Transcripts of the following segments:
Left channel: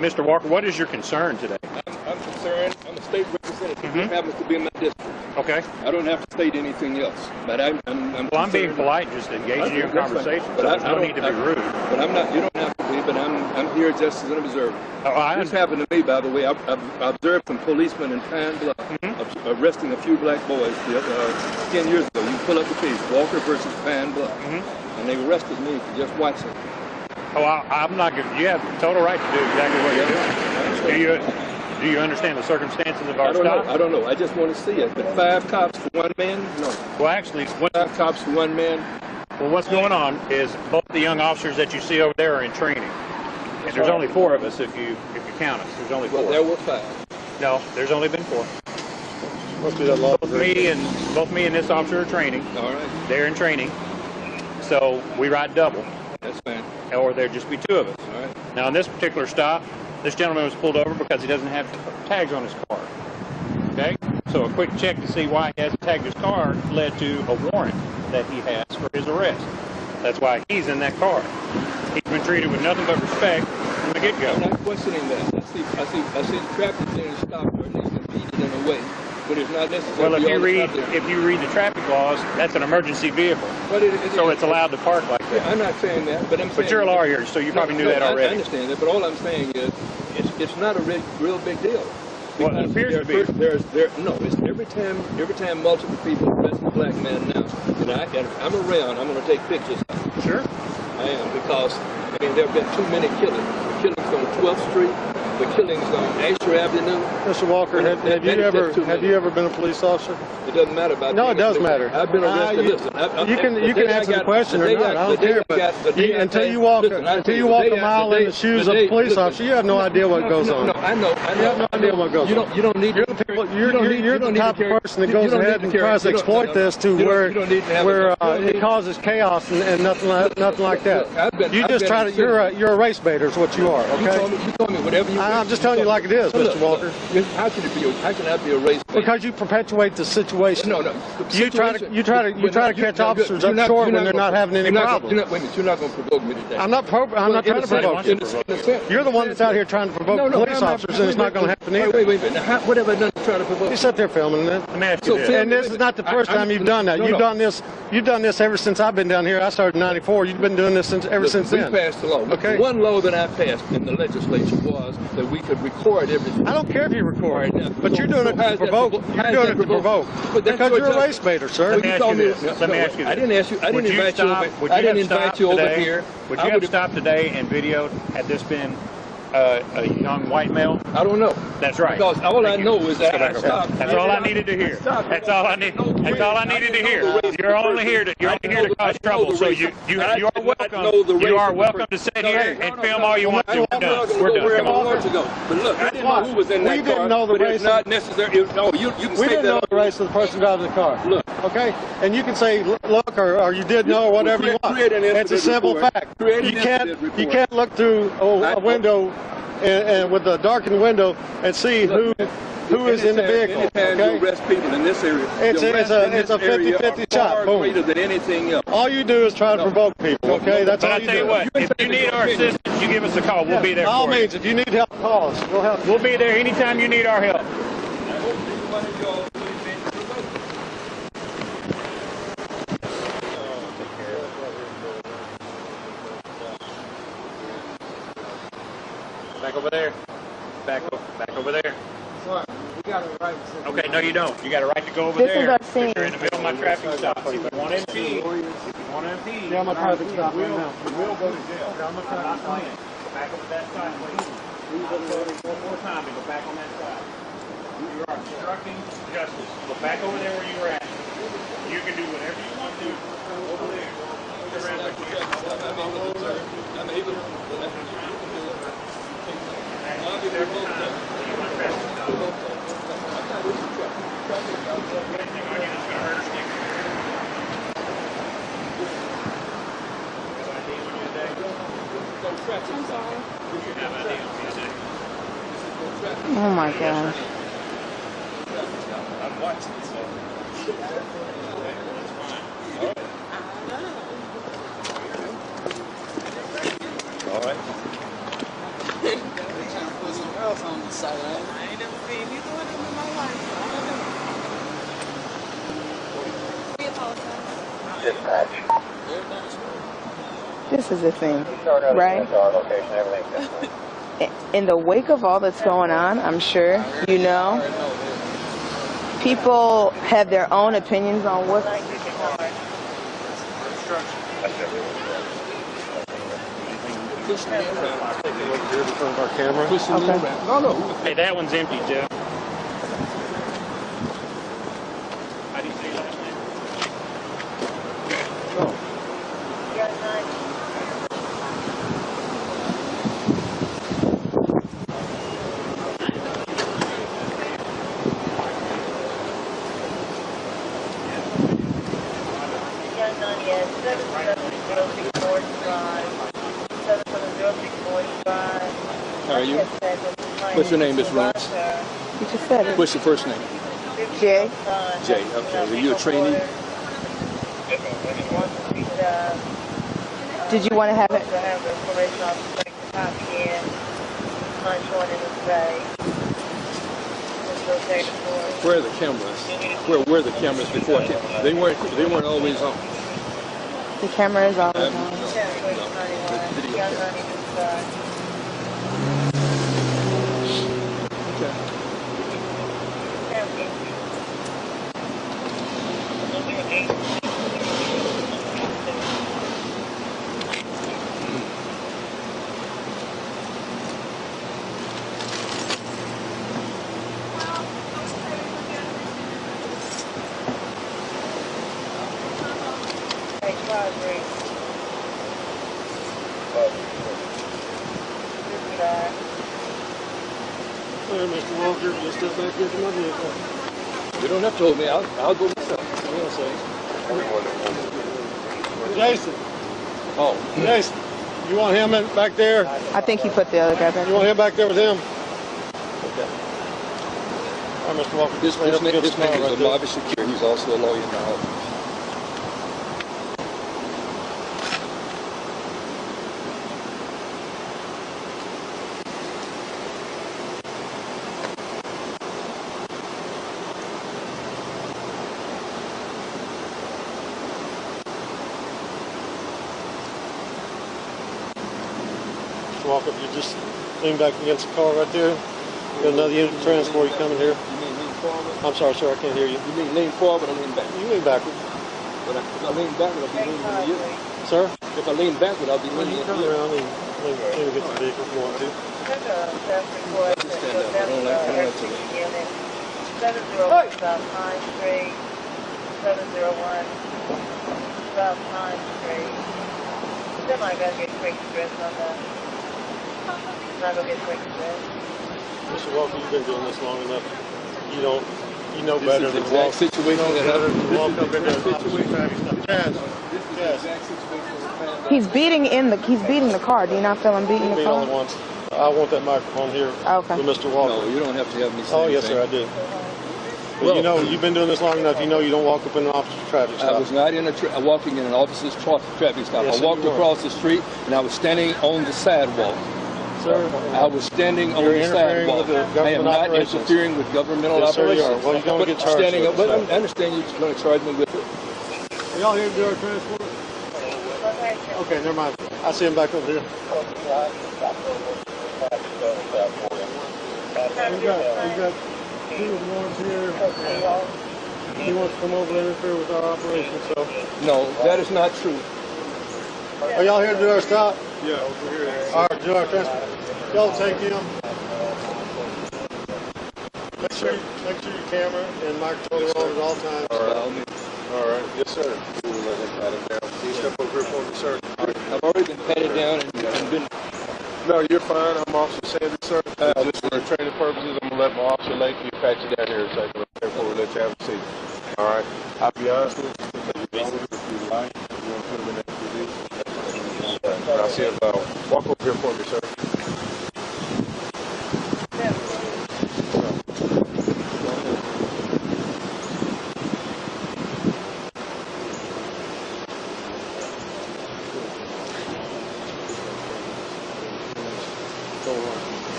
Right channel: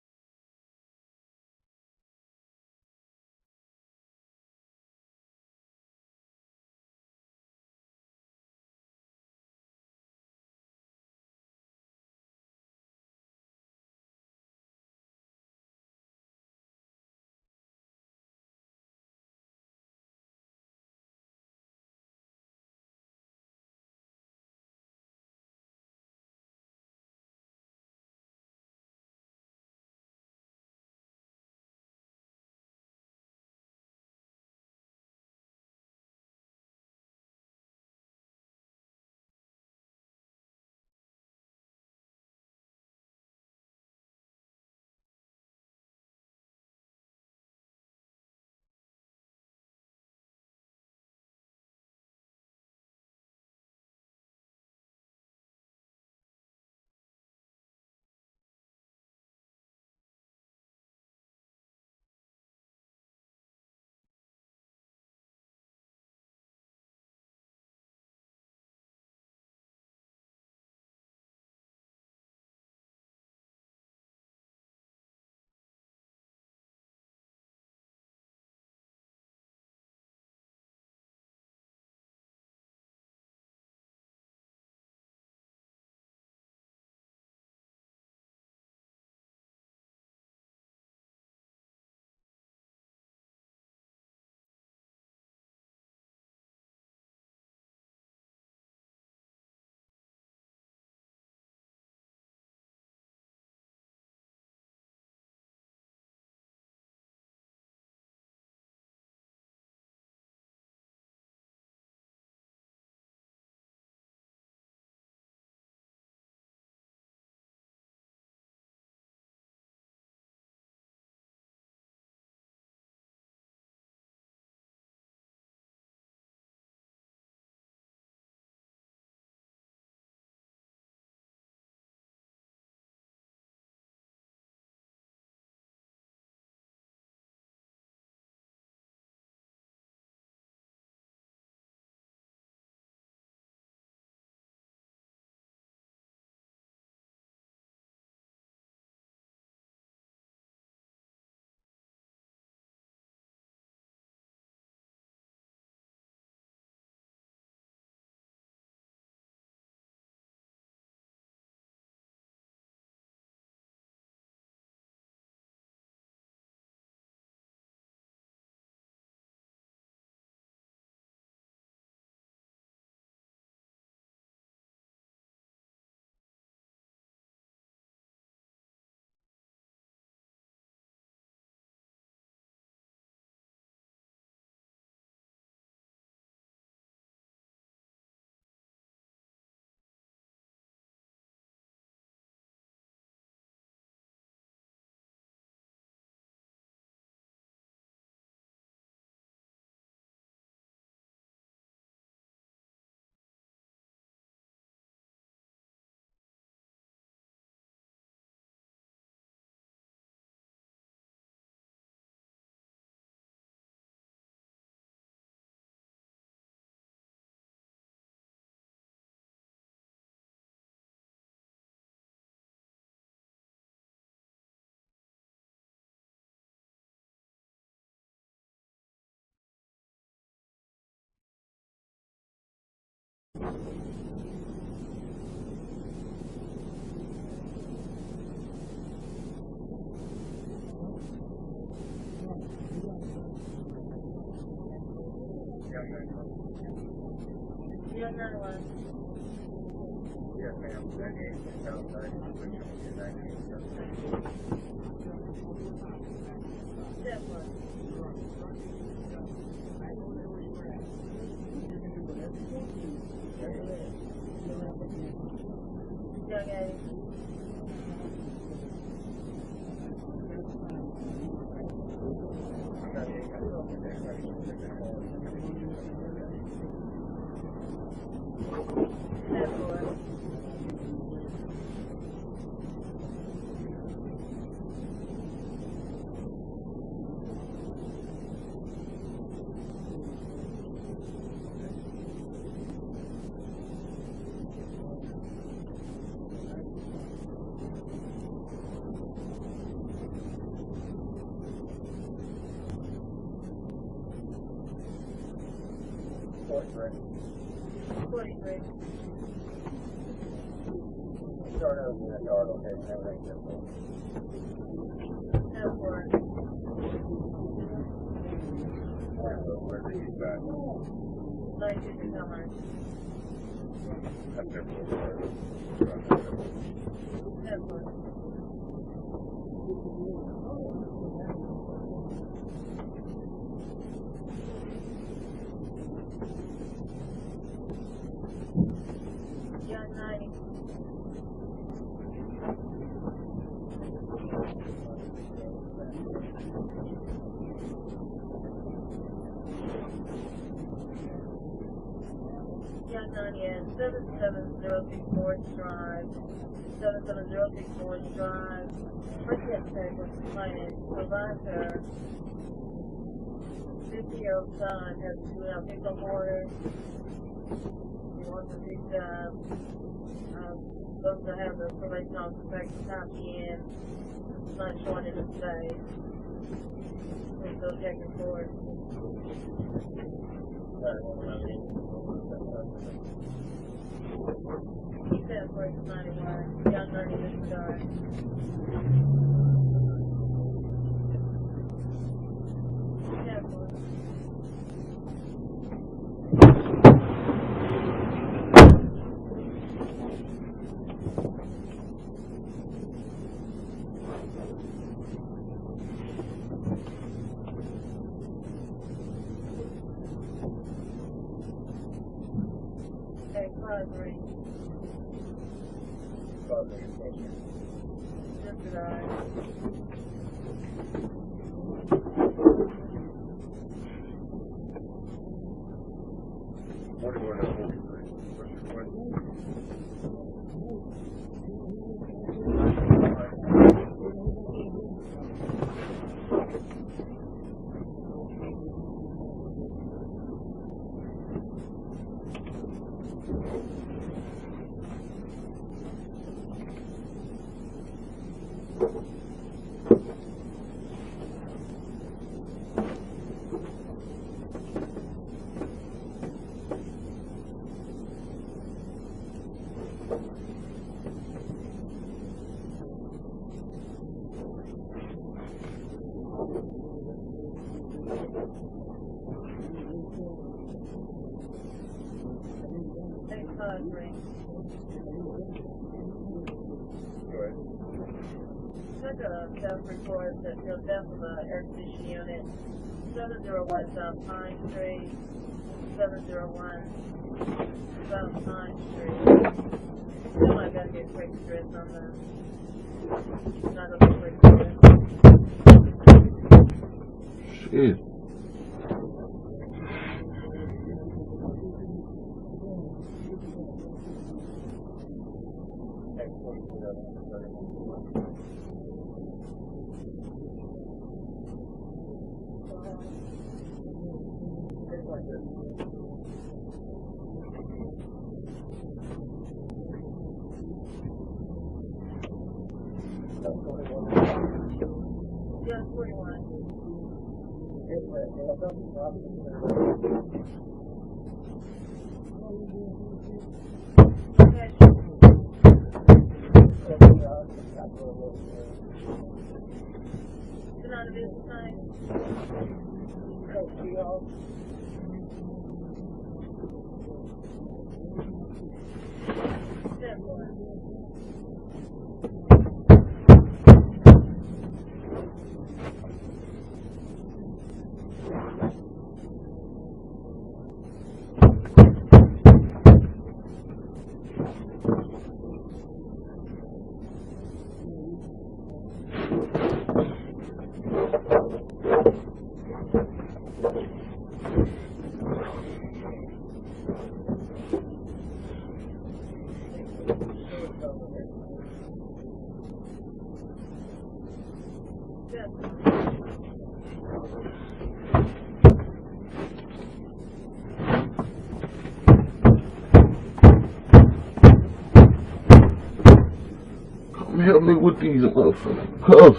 Mr. Walker, what is your concern today? I'm concerned. I'm a state representative. It happens to be in my district. Okay. I don't have to state anything else. But I'm well, I'm being polite, just engaging in your conversation. But so there's no need to be rude. But I'm not. You don't have to be. But I'm here just as an observer. Oh, this happened to me, by the way. I observed some policemen in Pine Bluff arresting a few black boys 10 years ago. You pull up the case, Walker versus Pine Bluff, and they arrested me for just watching. Oh, I'm not giving. You have total right to do exactly what you're doing. Do you understand the circumstances of our stop? I don't know. I just want to see it. But 5 cops for 1 man? No. Well, actually, 5 cops for 1 man. Well, what's going on is both the young officers that you see over there are in training, and there's only 4 of us if you count us. There's only 4. Well, there were 5. No, there's only been 4. Both me and this officer are training. All right. They're in training, so we ride double. That's fine. Or there'd just be 2 of us. All right. Now, on this particular stop, this gentleman was pulled over because he doesn't have tags on his car. Okay? So a quick check to see why he hasn't tagged his car led to a warrant that he has for his arrest. That's why he's in that car. He's been treated with nothing but respect from the get-go. I'm not questioning that. I see the traffic being stopped or at least impeded in a way. But it's not necessary. Well, if you read the traffic laws, that's an emergency vehicle. But so it's allowed to park like that. I'm not saying that, but I'm saying. But you're a lawyer, so you probably knew that already. I understand that, but all I'm saying is, it's not a real big deal. Well, it appears to be. It's every time multiple people arrest a black man now, and I'm around, I'm going to take pictures of it. Sure. I am, because there have been too many killings. The killings on 12th Street. The killings on Asher Avenue. Mr. Walker, have you ever been a police officer? It doesn't matter about. No, it does matter. I've been arrested. You can answer the question or not. I don't care. But until you walk a mile in the shoes of a police officer, you have no idea what goes on. No, I know. You have no idea what goes on. You don't need. You're the type of person that goes ahead and tries to exploit this to where it causes chaos and nothing like that. You just try to. You're a race baiter, is what you are. Okay. You told me whatever you. I'm just telling you like it is, Mr. Walker. How can I be a race baiter? Because you perpetuate the situation. No. You try to catch officers up short when they're not having any problems. Wait a minute, you're not going to provoke me today. I'm not trying to provoke you. You're the one that's out here trying to provoke police officers, and it's not going to happen either. Wait a minute. What have I done to try to provoke? You sit there filming it. And this is not the first time you've done that. You've done this ever since I've been down here. I started in '94. You've been doing this ever since then. We passed the law. Okay. One law that I passed in the legislature was that we could record everything. I don't care if you record, but you're doing it to provoke. You're doing it to provoke. Because you're a race baiter, sir. Let me ask you this. I didn't ask you. I didn't invite you over here. Would you have stopped today and videoed had this been a young white male? I don't know. That's right. Because all I know is that I stopped. That's all I needed to hear. That's all I needed to hear. You're only here to cause trouble. So you are welcome to sit here and film all you want to. We're done. We're done. Come on. But look, I didn't know who was in that car. We didn't know the race. It's not necessary. No, you can say that. We didn't know the race of the person driving the car. Look. Okay? And you can say, look, or you did know, or whatever you want. It's a simple fact. You can't look through a window and with a darkened window and see who is in the vehicle. Anytime you arrest people in this area, it's a 50-50 shot. Boom. Than anything else. All you do is try to provoke people. Okay, that's all you do. But I tell you what, if you need our assistance, you give us a call. We'll be there. By all means, if you need help, call us. We'll help. We'll be there anytime you need our help. Back over there. Back over there. Okay, no you don't. You got a right to go over there. If you're in the middle of my traffic stop. If you want to impede, yeah, my traffic stop right now. You will go to jail. I'm not playing. Go back over that side, please. One more time and go back on that side. You are obstructing justice. Go back over there where you were at. You can do whatever you want to do over there. I'm able to. Every time. Oh my gosh. I'm watching, so. All right. this is the thing, right? In the wake of all that's going on, I'm sure, you know, people have their own opinions on what's our camera. okay. No, no. Hey, that one's empty, Jeff. How do you say last name? How are you? What's your name, Miss Lawrence? You just said it. What's your first name? Jay? Jay. Okay. Are you a trainee? Did you want to have it? Where are the cameras? Where were the cameras before? They weren't always on. The camera is always on. Mr. Walker, just step back here to my vehicle. You don't have to hold me. I'll go myself. Jason. Oh. Jason, you want him back there? I think he put the other guy back. You want him back there with him? All right, Mr. Walker. This man is a lobby secure. He's also a lawyer now. Walk up, you just lean back against the car right there. Got another unit of transport, you coming here. You mean lean forward? I'm sorry, sir, I can't hear you. You mean lean forward or lean back? You lean backward. If I lean backward, I'll be leaning into you. Sir? If I lean backward, I'll be When leaning you into turn you. around and lean against the vehicle if you want to. Just stand up. I don't like to lean. Mr. Walker, you've been doing this long enough. You know better than walk. Situation that happened. Walk up into the traffic stop. Yes. He's beating the car. Do you not feel him beating the Be all at car? once. I want that microphone here Okay. with Mr. Walker. No, you don't have to have me say Oh, yes, anything. sir, I do. But Well, you know, you've been doing this long enough. You know you don't walk up in an officer's traffic I stop. was not walking in an officer's traffic stop. Yes, I sir, walked you were. across the street and I was standing on the sidewalk. Sir, I was standing on You're the interfering sidewalk. with the I am government not operations. interfering with governmental Yes, sir, you operations. are. Well, you're gonna But get charged standing for up, it, but so. I understand you're going to charge me with it. are y'all here to do our transport? Okay, never mind. I see him back over here. We got ones here. He wants to come over and interfere with our operation, so. No, that is not true. Are y'all here to do our stop? Yeah, over here. All right, do our transport. Y'all take him. Make sure your camera and microphone are on at all times. All right. Yes, sir. Step over here for me, sir. I've already been patted down and been. No, you're fine. I'm Officer Sanders, sir. Just for training purposes, I'm going to let my officer let you patch you down here and say, therefore, we'll let you have a seat. All right. I'll be honest with you. If you like, you want to put him in that position. And I'll see him walk over here for me, sir. Help me with these cuffs.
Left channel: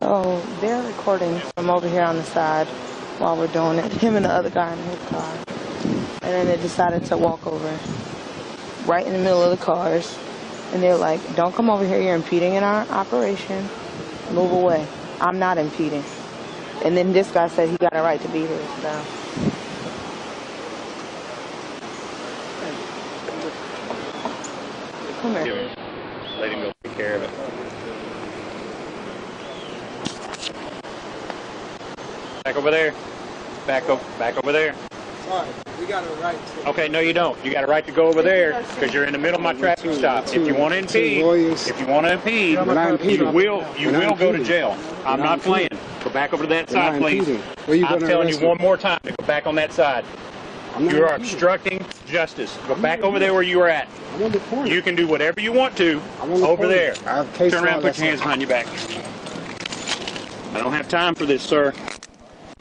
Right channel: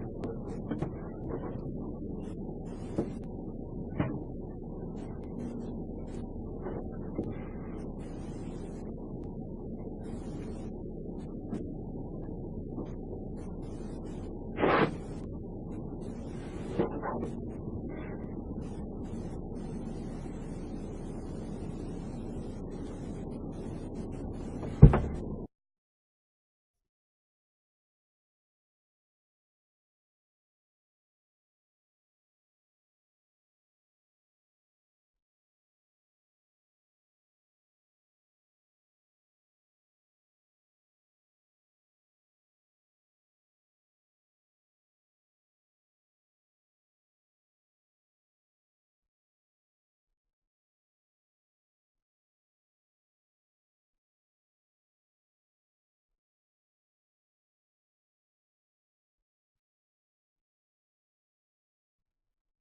So they're recording from over here on the side while we're doing it. Him and the other guy in his car. And then they decided to walk over right in the middle of the cars. And they're like, don't come over here, you're impeding in our operation. Move away. I'm not impeding. And then this guy said he got a right to be here, so. Come here. Let him go take care of it. Back over there. Back over there. Sorry, we got a right to. Okay, no, you don't. You got a right to go over there because you're in the middle of my traffic stop. If you want to impede, you will go to jail. I'm not playing. Go back over to that side, please. I'm telling you one more time to go back on that side. You are obstructing justice. Go back over there where you were at. You can do whatever you want to over there. Turn around, put your hands behind your back. I don't have time for this, sir.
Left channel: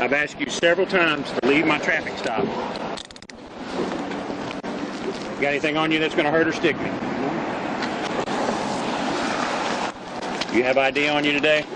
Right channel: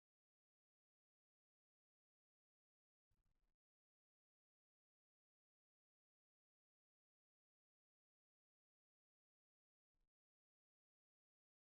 I've asked you several times to leave my traffic stop. Got anything on you that's going to hurt or stick me? You have ID on you today?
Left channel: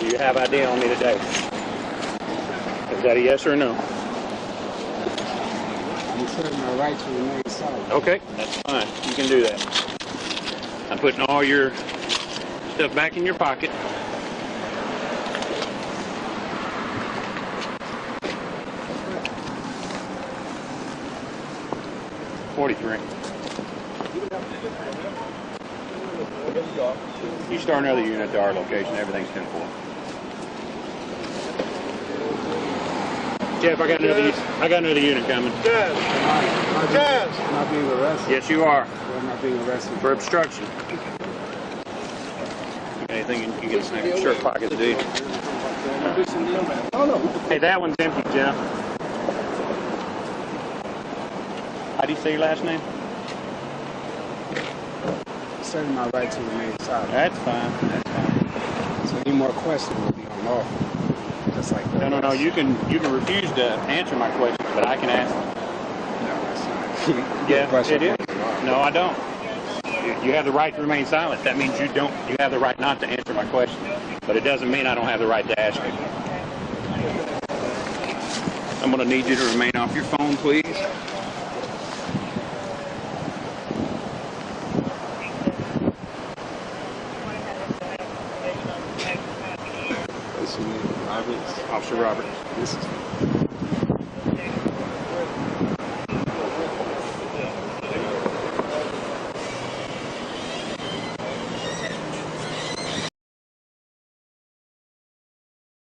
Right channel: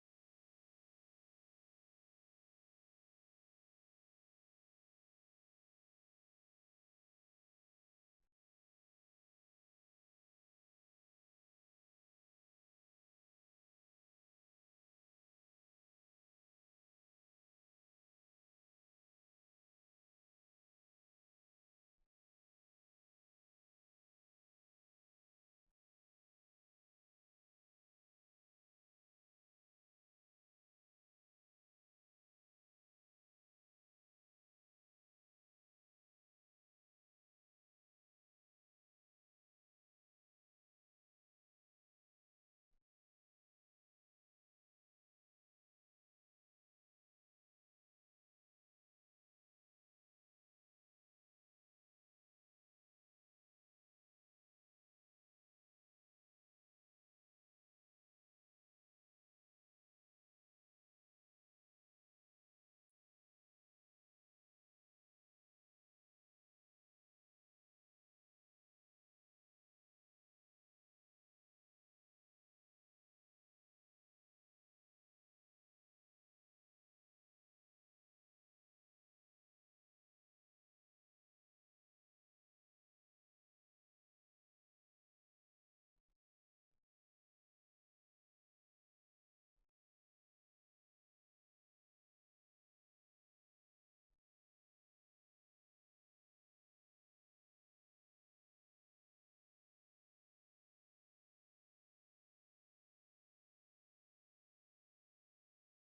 Do you have ID on me today? Is that a yes or a no? I'm asserting my right to remain silent. Okay, that's fine. You can do that. I'm putting all your stuff back in your pocket. $43. You start another unit at our location, everything's 10-4. Jeff, I got another unit coming. Jazz! Am I being arrested? Yes, you are. Or am I being arrested? For obstruction. Anything you can get in your shirt pockets, dude. Hey, that one's empty, Jeff. How do you say your last name? Asserting my right to remain silent. That's fine. That's fine. So any more questions will be unlawful. Just like that. No. You can refuse to answer my questions, but I can ask them. No, that's not. Yeah, it is. No, I don't. You have the right to remain silent. That means you have the right not to answer my question. But it doesn't mean I don't have the right to ask you. I'm going to need you to remain off your phone, please. What's your name? Roberts? Officer Roberts. This is